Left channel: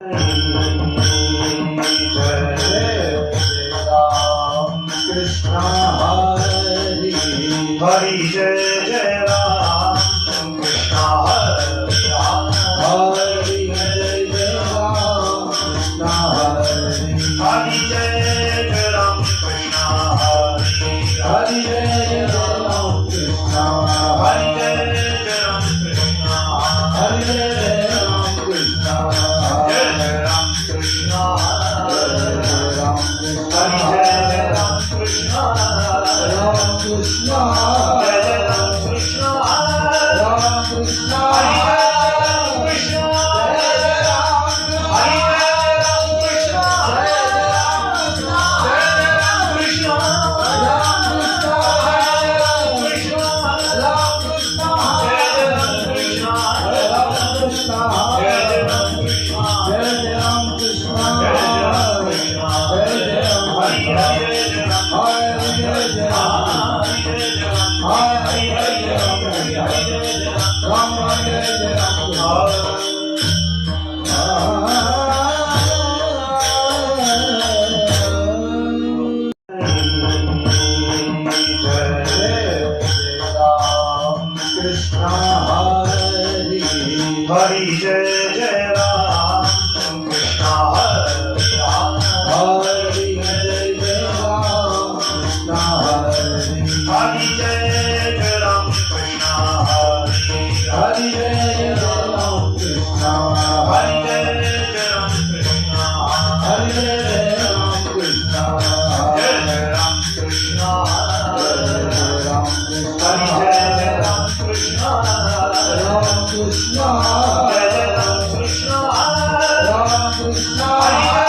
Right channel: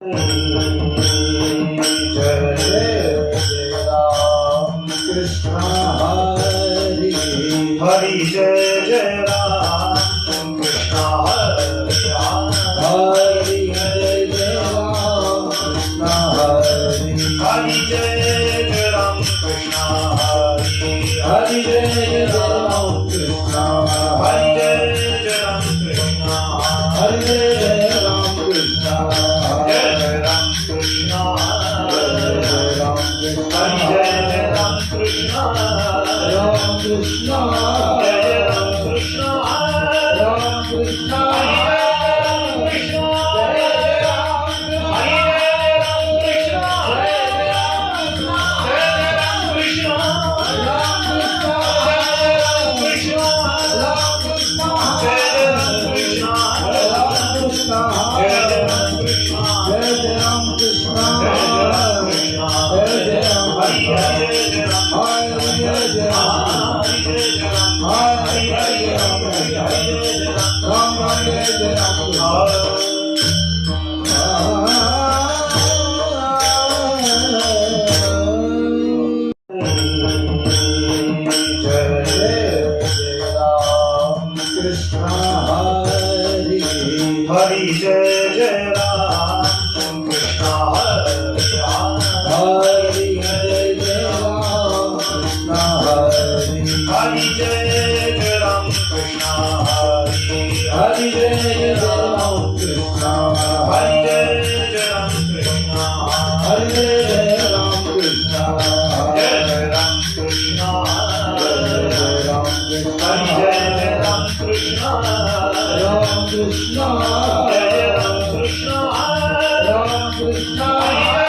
Hari Jai Jai Ram Krishna Hare Ram Hari Jai Jai Ram Krishna Hari Hari Jai Jai Ram Krishna Hare Hari Jai Jai Ram Krishna Hari Jai Jai Ram Krishna Hari Jai Jai Ram Krishna Jai Jai Ram Krishna Jai Ram Hari Jai Jai Ram Krishna Ram Krishna Jai Jai Ram Krishna Ram Krishna Hari Jai Ram Krishna Jai Jai Ram Hari Jai Ram Krishna Jai Ram Jai Jai Ram Krishna Ram Krishna Ram Krishna Jai Ram Krishna Jai Jai Ram Krishna Jai Ram Krishna Jai Jai Ram Krishna Jai Jai Ram Hari Krishna Jai Jai Ram Hari Jai Jai Ram Hari Jai Jai Ram Hari Jai Jai Ram Hari Jai Jai Ram Ram Jai Jai Ram Krishna Hari Hari Jai Jai Ram Krishna Hare Ram Hari Jai Jai Ram Krishna Hari Hari Jai Jai Ram Krishna Hare Hari Jai Jai Ram Krishna Hari Jai Jai Ram Krishna Hari Jai Jai Ram Krishna Jai Jai Ram Krishna Jai Ram Hari Jai Jai Ram Krishna Ram Krishna Jai Jai Ram Krishna Ram Krishna Hari Jai